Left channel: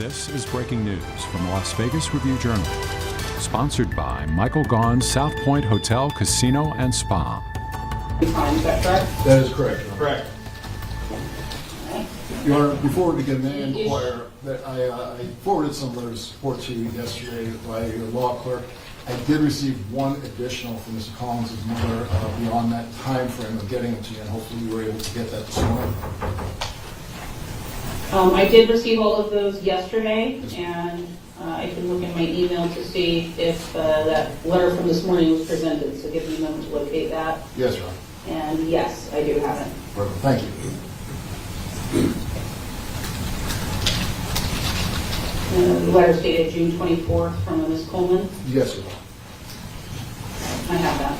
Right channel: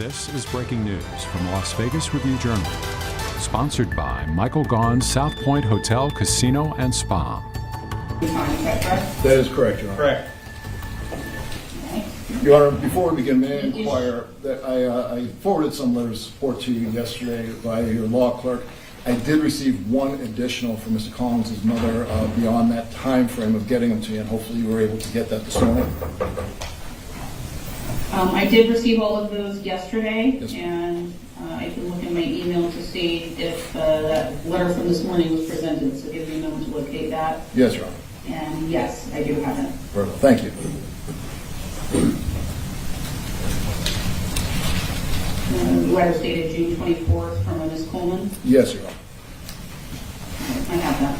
This is breaking news from the Las Vegas Review-Journal, sponsored by Michael Gaughan's South Point Hotel, Casino, and Spa. Is that correct? That is correct, Your Honor. Correct. Your Honor, before we begin, may I inquire that I forwarded some letters of support to you yesterday via your law clerk. I did receive one additional from Mr. Collins' mother beyond that time frame of getting them to you, and hopefully you were able to get that this morning. I did receive all of those yesterday, and I can look in my email to see if that letter from this morning was presented, so give me a moment to locate that. Yes, Your Honor. And yes, I do have it. Very well. Thank you. The letter dated June 24th from Ms. Coleman. Yes, Your Honor. I have that.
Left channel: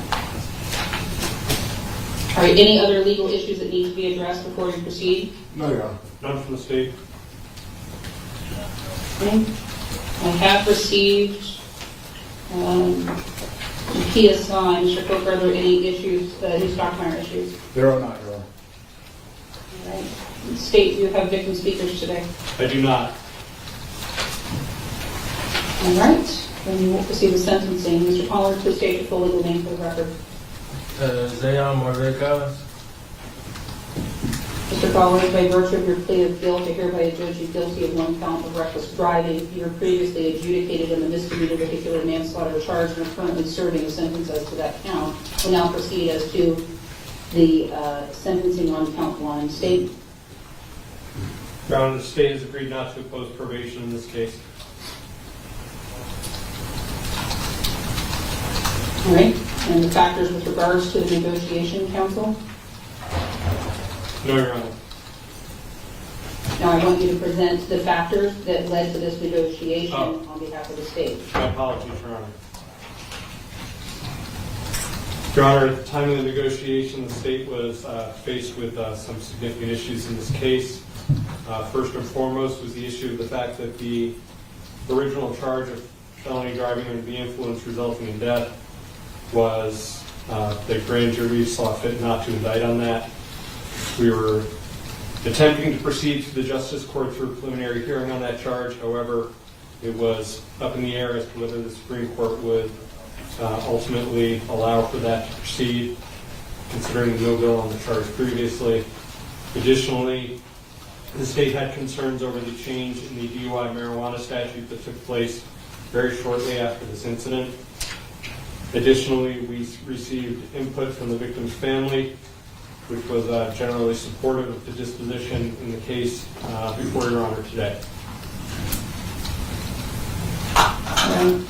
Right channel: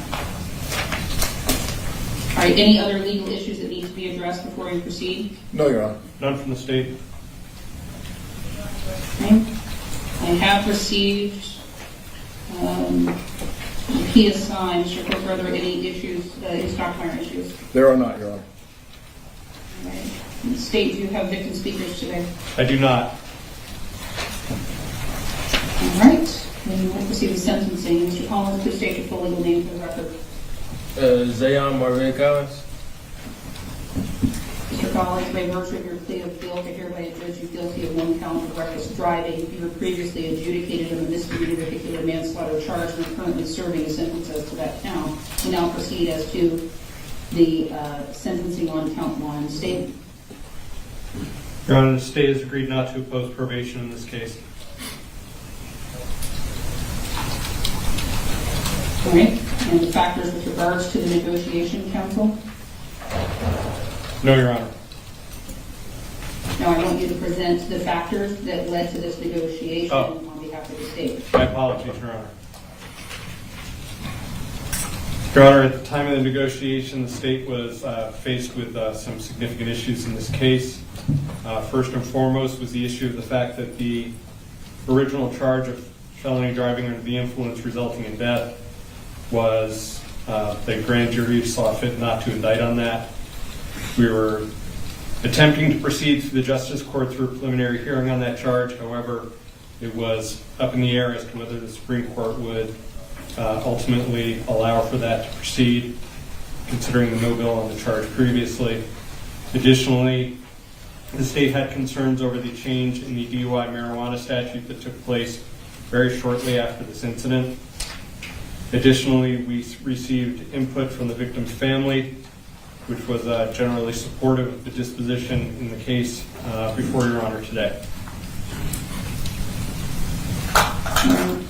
All right, any other legal issues that need to be addressed before you proceed? No, Your Honor. None from the state. Okay. I have received the PSI. Mr. Cook, are there any issues, any stockpile issues? There are not, Your Honor. All right. State, do you have victim speakers today? I do not. All right, then we will proceed with sentencing. Mr. Collins, please state your full legal name for the record. Zaon Collins. Mr. Collins, by virtue of your plea of guilt, I hereby adjudge you guilty of one count of reckless driving. You were previously adjudicated in the misdemeanor vehicular manslaughter charge and are currently serving a sentence as to that count. We'll now proceed as to the sentencing on count one. State. Your Honor, the state has agreed not to oppose probation in this case. All right, and the factors with regards to the negotiation, counsel? No, Your Honor. Now, I want you to present the factors that led to this negotiation Oh. on behalf of the state. My apologies, Your Honor. Your Honor, at the time of the negotiation, the state was faced with some significant issues in this case. First and foremost was the issue of the fact that the original charge of felony driving under the influence resulting in death was the grand jury saw fit not to indict on that. We were attempting to proceed to the Justice Court through a preliminary hearing on that charge. However, it was up in the air as to whether the Supreme Court would ultimately allow for that to proceed, considering the no bill on the charge previously. Additionally, the state had concerns over the change in the DUI marijuana statute that took place very shortly after this incident. Additionally, we received input from the victim's family, which was generally supportive of the disposition in the case before Your Honor today. Right.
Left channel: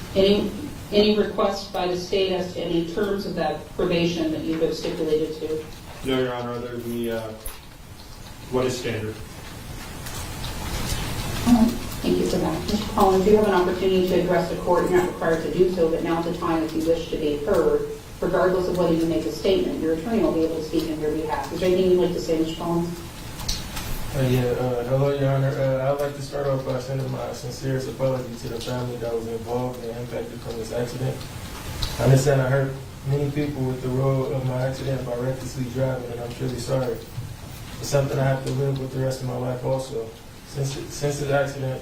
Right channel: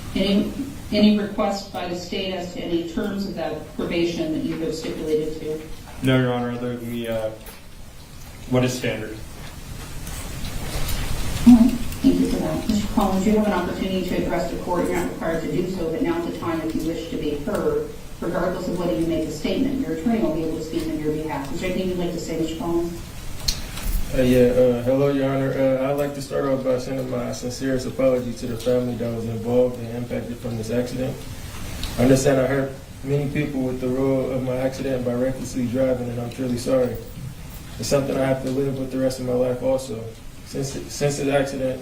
Any requests by the state as to any terms of that probation that you have stipulated to? No, Your Honor, other than what is standard. All right. Thank you for that. Mr. Collins, you have an opportunity to address the court. You're not required to do so, but now's the time if you wish to be heard. Regardless of whether you make a statement, your attorney will be able to speak on your behalf. Is there anything you'd like to say, Mr. Collins? Hello, Your Honor. I'd like to start off by sending my sincerest apology to the family that was involved and impacted from this accident. I understand I hurt many people with the role of my accident by recklessly driving, and I'm truly sorry. It's something I have to live with the rest of my life also. Since the accident,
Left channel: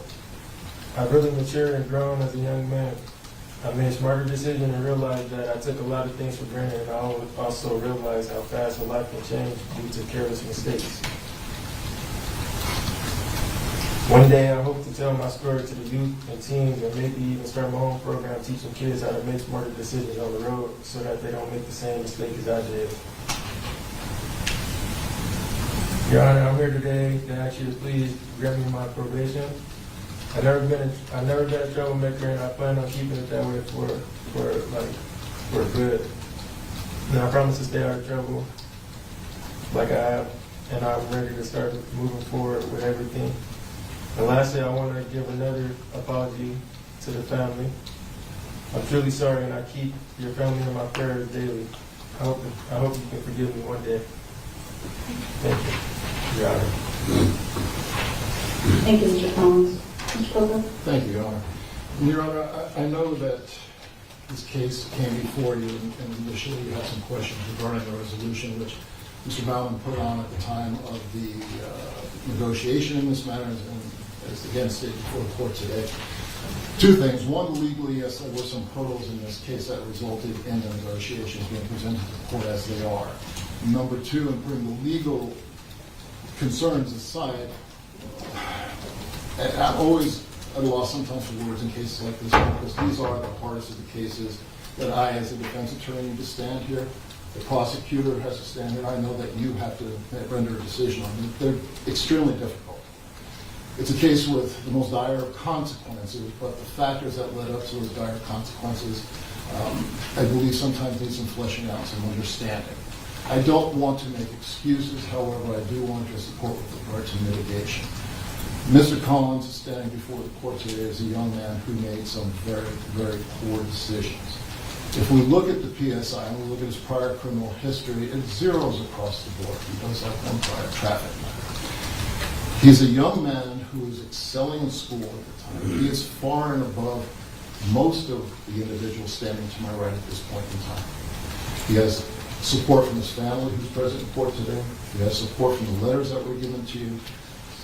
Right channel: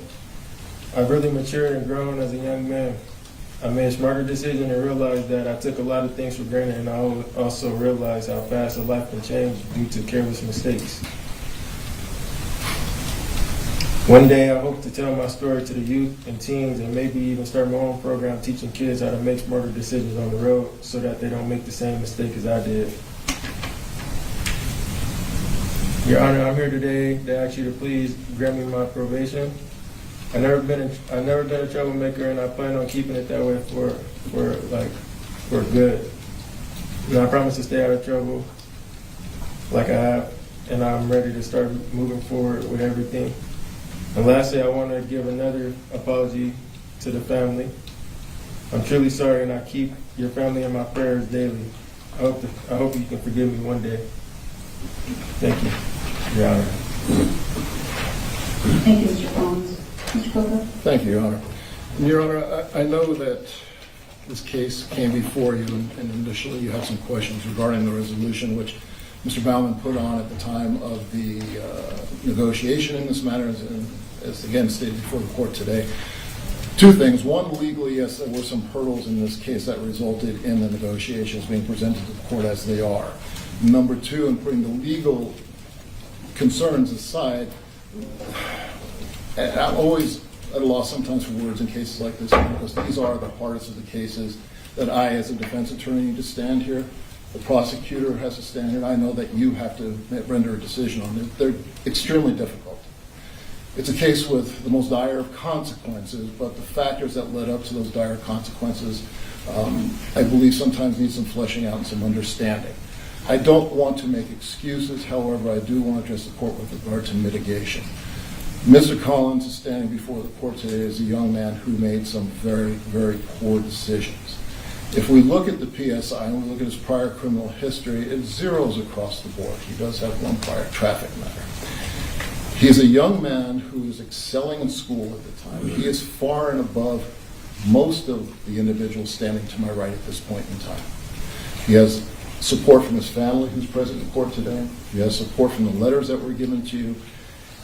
I've really matured and grown as a young man. I made a smarter decision and realized that I took a lot of things for granted, and I also realized how fast a life can change due to careless mistakes. One day, I hope to tell my story to the youth and teens and maybe even start my own program teaching kids how to make smarter decisions on the road so that they don't make the same mistake as I did. Your Honor, I'm here today to ask you to please grant me my probation. I've never been a troublemaker, and I plan on keeping it that way for good. And I promise to stay out of trouble like I have, and I'm ready to start moving forward with everything. And lastly, I want to give another apology to the family. I'm truly sorry, and I keep your family in my prayers daily. I hope you can forgive me one day. Thank you, Your Honor. Thank you, Mr. Collins. Mr. Coker? Thank you, Your Honor. Your Honor, I know that this case came before you, and initially you had some questions regarding the resolution, which Mr. Baumann put on at the time of the negotiation in this matter, and as again stated before the court today. Two things. One, legally, yes, there were some hurdles in this case that resulted in the negotiations being presented to the court as they are. Number two, in putting the legal concerns aside, and I'm always at a loss sometimes for words in cases like this one, because these are the hardest of the cases that I, as a defense attorney, need to stand here. The prosecutor has to stand here. I know that you have to render a decision on them. They're extremely difficult. It's a case with the most dire of consequences, but the factors that led up to those dire consequences, I believe sometimes need some fleshing out and some understanding. I don't want to make excuses, however, I do want to address the court with regard to mitigation. Mr. Collins is standing before the court today as a young man who made some very, very poor decisions. If we look at the PSI and we look at his prior criminal history, it zeroes across the board. He does have one prior traffic matter. He's a young man who is excelling in school at the time. He is far and above most of the individuals standing to my right at this point in time. He has support from his family, who's present in court today. He has support from the letters that were given to you.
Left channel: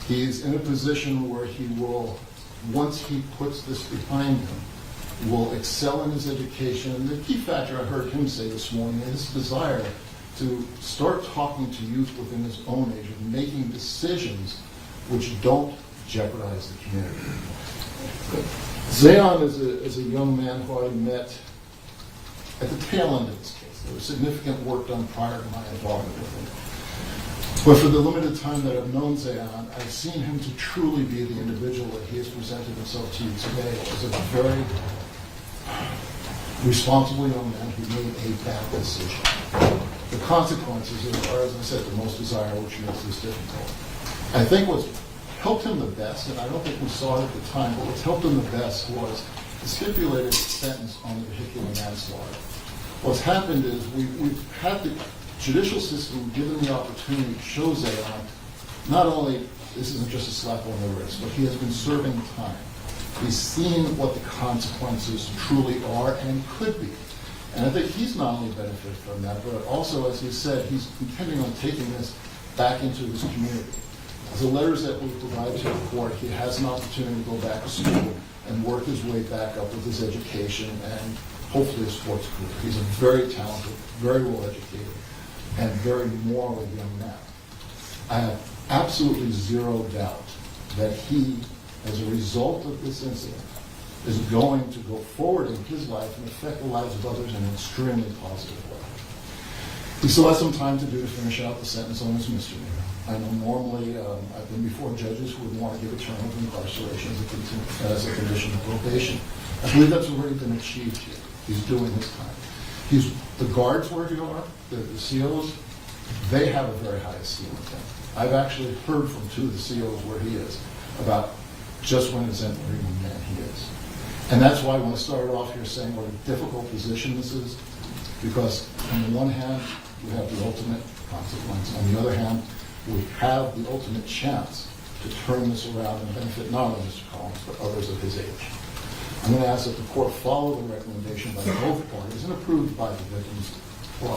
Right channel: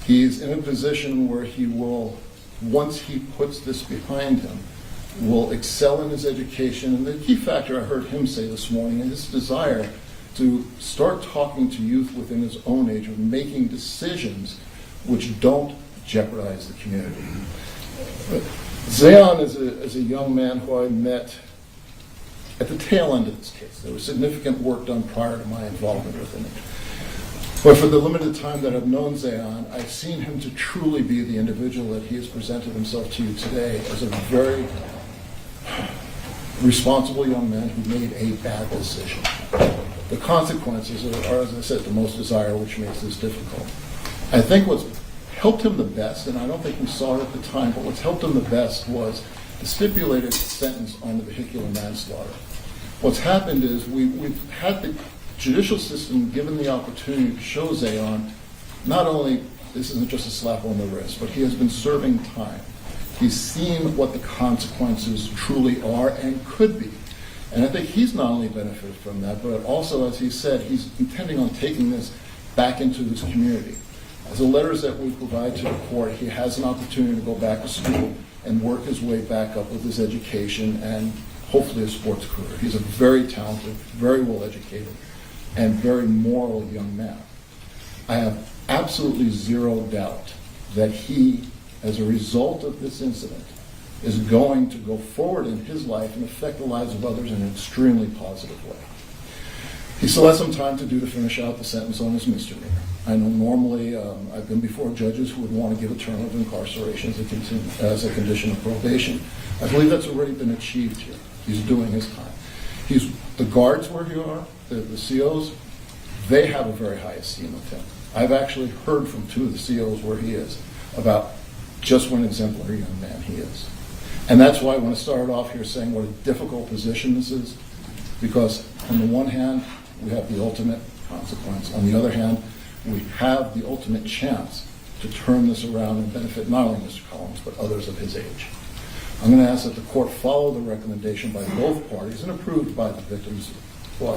He's in a position where he will, once he puts this behind him, will excel in his education. And the key factor I heard him say this morning is his desire to start talking to youth within his own age and making decisions which don't jeopardize the community. Zaon is a young man who I met at the tail end of this case. There was significant work done prior to my involvement with him. But for the limited time that I've known Zaon, I've seen him to truly be the individual that he has presented himself to you today as a very responsible young man who made a bad decision. The consequences are, as I said, the most desirable, which makes this difficult. I think what's helped him the best, and I don't think we saw it at the time, but what's helped him the best was the stipulated sentence on the vehicular manslaughter. What's happened is we've had the judicial system given the opportunity to show Zaon not only this isn't just a slap on the wrist, but he has been serving time. He's seen what the consequences truly are and could be. And I think he's not only benefited from that, but also, as he said, he's intending on taking this back into his community. The letters that we provide to the court, he has an opportunity to go back to school and work his way back up with his education and hopefully a sports career. He's a very talented, very well educated, and very moral young man. I have absolutely zero doubt that he, as a result of this incident, is going to go forward in his life and affect the lives of others in an extremely positive way. He still has some time to do to finish out the sentence on his misdemeanor. I know normally I've been before judges who would want to give a term of incarceration as a condition of probation. I believe that's already been achieved here. He's doing his time. The guards where he are, the COs, they have a very high esteem of him. I've actually heard from two of the COs where he is about just what an exemplary young man he is. And that's why I want to start off here saying what a difficult position this is, because on the one hand, we have the ultimate consequence. On the other hand, we have the ultimate chance to turn this around and benefit not only Mr. Collins, but others of his age. I'm going to ask that the court follow the recommendation by both parties and approved by the victim's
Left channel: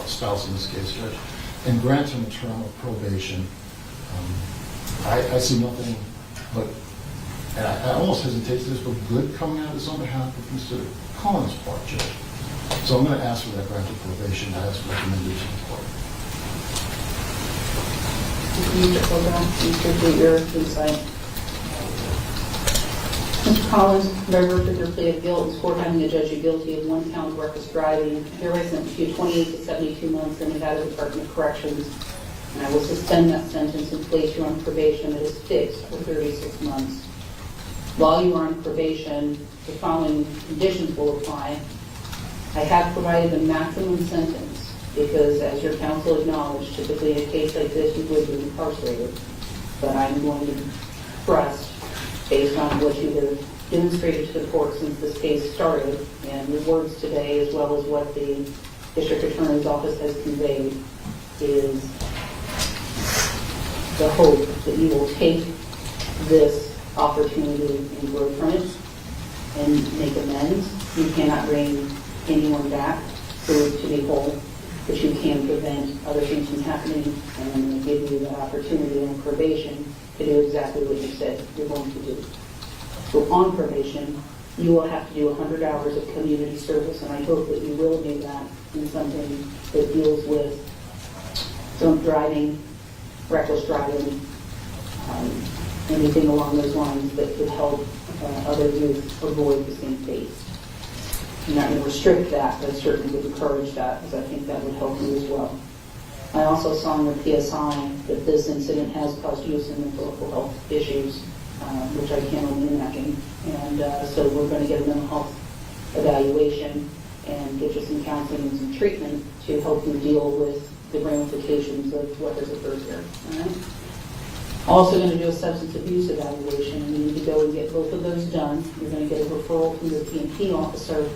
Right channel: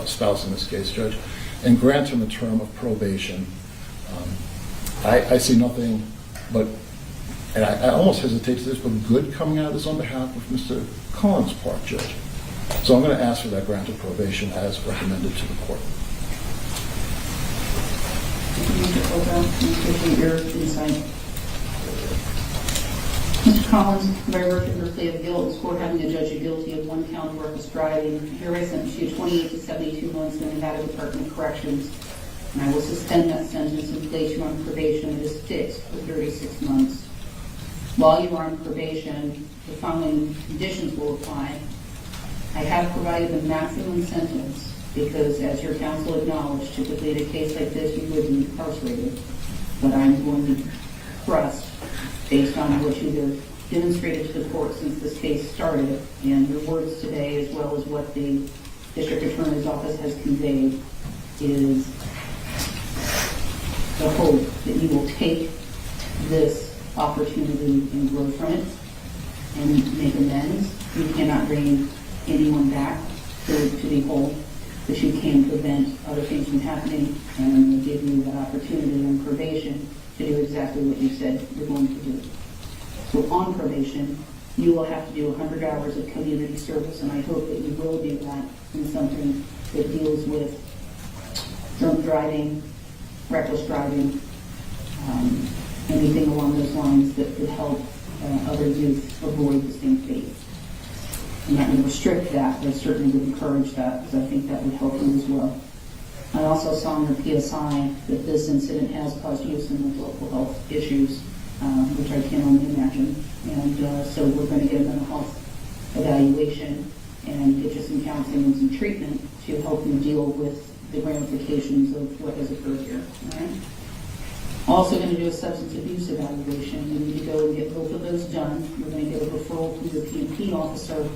spouse in this case, Judge, and grant him a term of probation. I see nothing but, and I almost hesitate to this, but good coming out of this on behalf of Mr. Collins' part, Judge. So I'm going to ask for that grant of probation as recommended to the court. Mr. Koga, we appreciate your insight. Mr. Collins, by virtue of your plea of guilt, is court having to judge you guilty of one count of reckless driving. Hereby sentence you 28 to 72 months in the Nevada Department of Corrections. And I will suspend that sentence and place you on probation that is fixed for 36 months. While you are on probation, the following conditions will apply. I have provided the maximum sentence because, as your counsel acknowledged, typically in a case like this, you would be incarcerated. But I'm going to trust, based on what you have demonstrated to the court since this case started, and the words today, as well as what the district attorney's office has conveyed, is the hope that you will take this opportunity and grow from it and make amends. You cannot bring anyone back to be whole, but you can prevent other things from happening, and I'm going to give you that opportunity on probation to do exactly what you said you're going to do. So on probation, you will have to do 100 hours of community service, and I hope that you will do that in something that deals with drunk driving, reckless driving, anything along those lines that would help other youth avoid the same fate. I'm not going to restrict that, but certainly would encourage that, because I think that would help you as well. I also saw in the PSI that this incident has caused you some mental health issues, which I can only imagine. And so we're going to get a mental health evaluation and get you some counseling and some treatment to help you deal with the ramifications of what has occurred here. All right? Also going to do a substance abuse evaluation. We need to go and get both of those done. We're going to get a referral from the P&P officer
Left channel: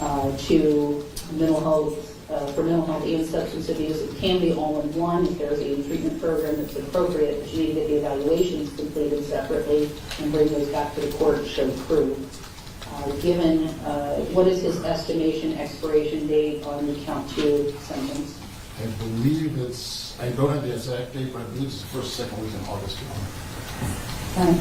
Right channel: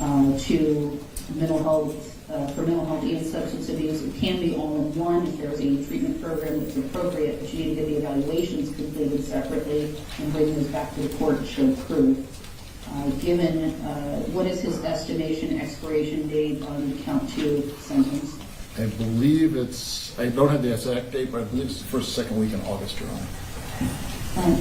to mental health, for mental health and substance abuse. It can be all in one if there's a treatment program that's appropriate, but you need to get the evaluations completed separately and bring those back to the court to show proof. Given, what is his estimation expiration date on the count 2 sentence? I believe it's, I don't have the exact date, but I believe it's the first, second week in August, Your Honor.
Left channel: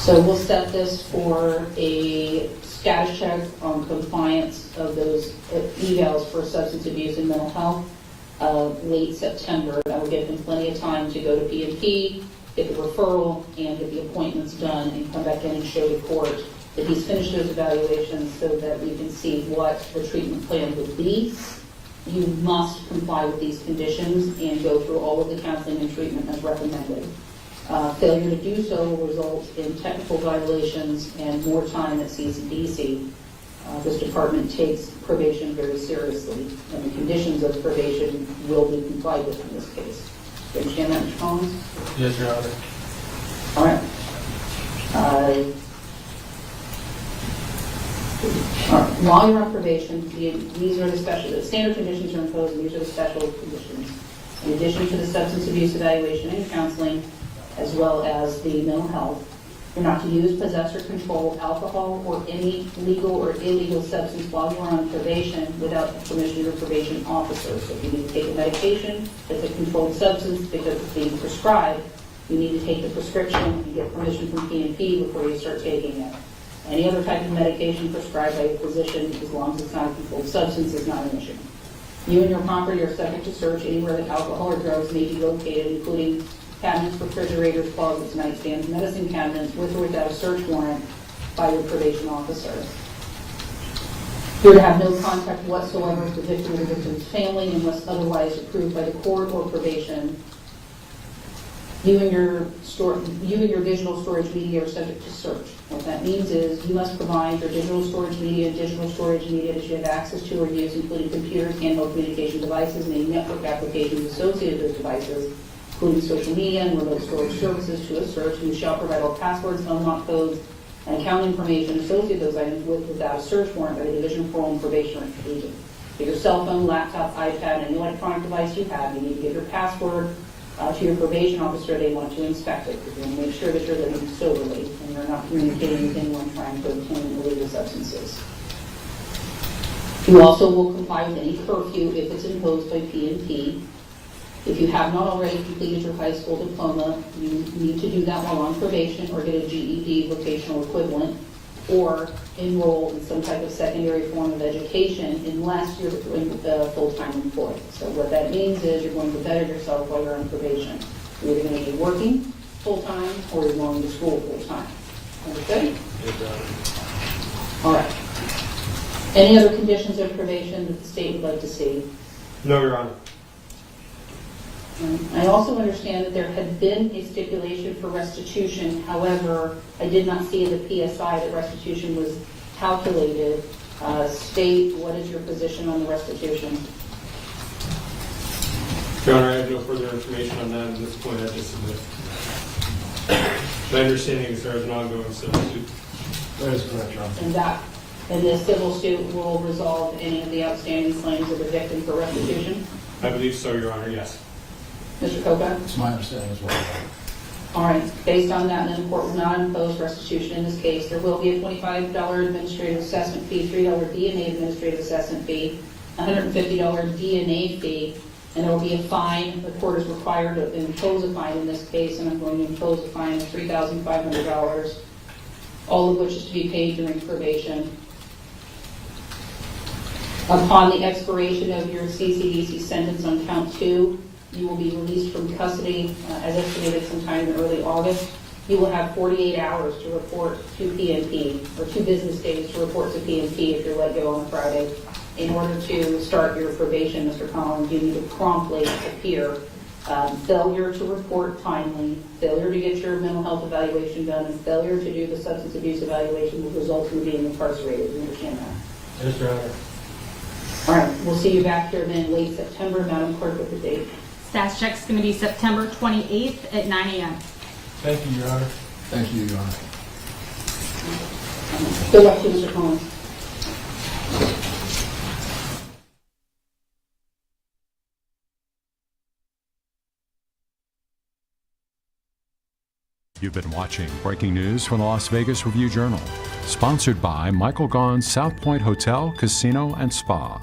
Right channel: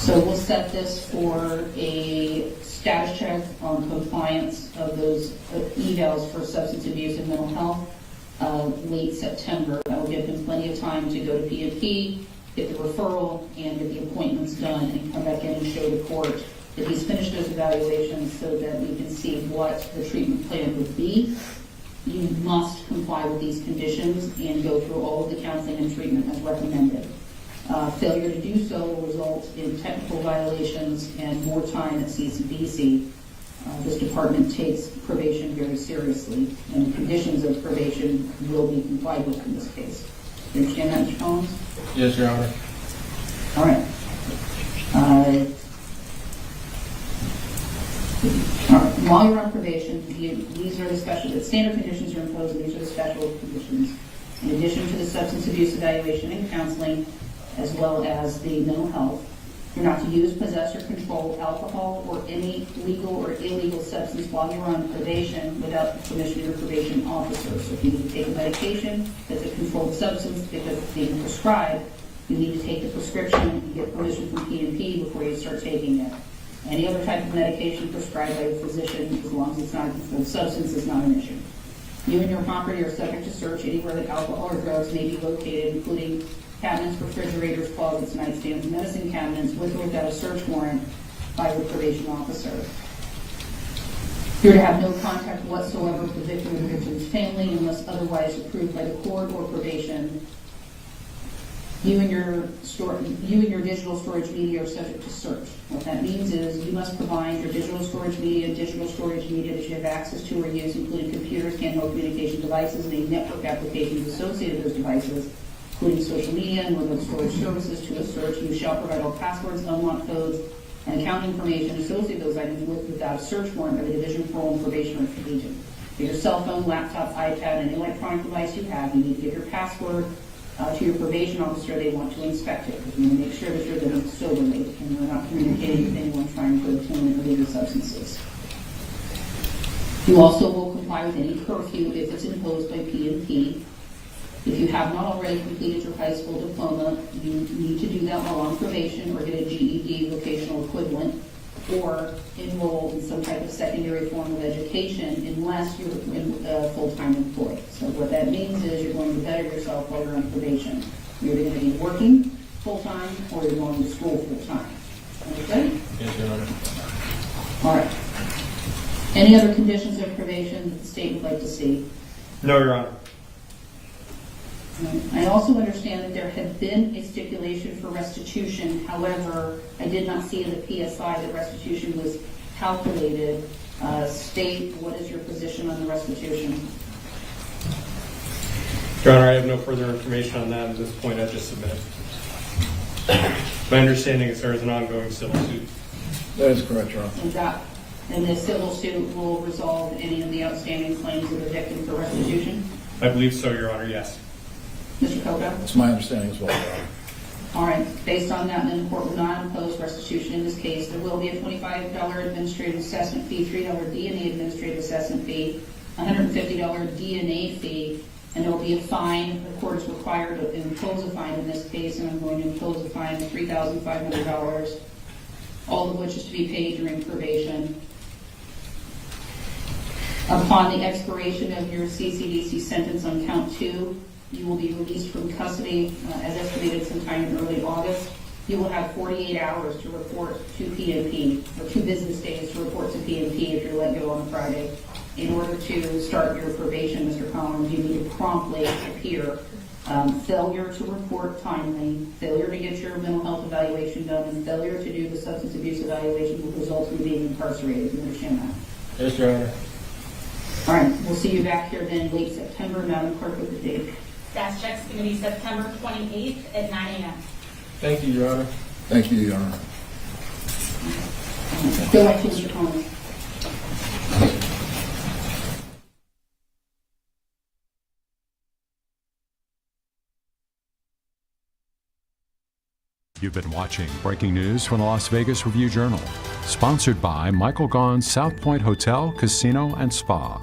So we'll set this for a status check on compliance of those evals for substance abuse and mental health late September. That will give him plenty of time to go to P&P, get the referral, and get the appointments done, and come back in and show the court that he's finished those evaluations so that we can see what the treatment plan would be. You must comply with these conditions and go through all of the counseling and treatment as recommended. Failure to do so will result in technical violations and more time at CCDC. This department takes probation very seriously, and the conditions of probation will be complied with in this case. You understand that, Mr. Collins? Yes, Your Honor. All right. All right. While you're on probation, these are the standard conditions are imposed, and these are the special conditions. In addition to the substance abuse evaluation and counseling, as well as the mental health, you're not to use, possess, or control alcohol or any legal or illegal substance while you're on probation without the permission of your probation officer. So if you need to take a medication that's a controlled substance because it's being prescribed, you need to take the prescription and get permission from P&P before you start taking it. Any other type of medication prescribed by a physician, as long as it's not a controlled substance, is not an issue. You and your property are subject to search anywhere that alcohol or drugs may be located, including cabinets, refrigerators, closets, nightstands, medicine cabinets, with or without a search warrant by your probation officer. You're to have no contact whatsoever with the victim or the victim's family unless otherwise approved by the court or probation. You and your digital storage media are subject to search. What that means is you must provide your digital storage media that you have access to or use, including computers, handheld communication devices, and any network applications associated with those devices, including social media and remote storage services, to a search. You shall provide all passwords, unlock codes, and account information associated with those items with without a search warrant by the Division of Parole and Probation or agent. Get your cell phone, laptop, iPad, any electronic device you have. You need to give your password to your probation officer. They want to inspect it because you want to make sure that you're living soberly and you're not communicating with anyone trying to obtain illegal substances. You also will comply with any curfew if it's imposed by P&P. If you have not already completed your high school diploma, you need to do that while on probation or get a GED vocational equivalent or enroll in some type of secondary form of education unless you're a full-time employee. So what that means is you're going to better yourself while you're on probation. You're either going to be working full-time or you're going to school full-time. Okay? Yes, Your Honor. All right. Any other conditions of probation that the state would like to see? No, Your Honor. I also understand that there had been a stipulation for restitution. However, I did not see in the PSI that restitution was calculated. State, what is your position on the restitution? Your Honor, I have no further information on that at this point. I just submitted. My understanding is there is an ongoing civil suit. That is correct, Your Honor. And the civil suit will resolve any of the outstanding claims of the victim for restitution? I believe so, Your Honor, yes. Mr. Coca? It's my understanding as well, Your Honor. All right. Based on that, then the court will not impose restitution in this case. There will be a $25 administrative assessment fee, $3 DNA administrative assessment fee, $150 DNA fee and there will be a fine. The court is required to impose a fine in this case, and I'm going to impose a fine of $3,500, all of which is to be paid during probation. Upon the expiration of your CCDC sentence on count 2, you will be released from custody as estimated sometime in early August. You will have 48 hours to report to PNP, or 2 business days to report to PNP if you're let go on a Friday. In order to start your probation, Mr. Collins, you need to promptly appear. Failure to report timely, failure to get your mental health evaluation done, and failure to do the substance abuse evaluation will result in being incarcerated. You understand that? Yes, Your Honor. All right, we'll see you back here then late September. Madam Clerk, with the date. Status check's going to be September 28th at 9 a.m. Thank you, Your Honor. Thank you, Your Honor. Good luck to you, Mr. Collins. You've been watching breaking news from the Las Vegas Review-Journal, sponsored by Michael Gaughan's South Point Hotel, Casino, and Spa.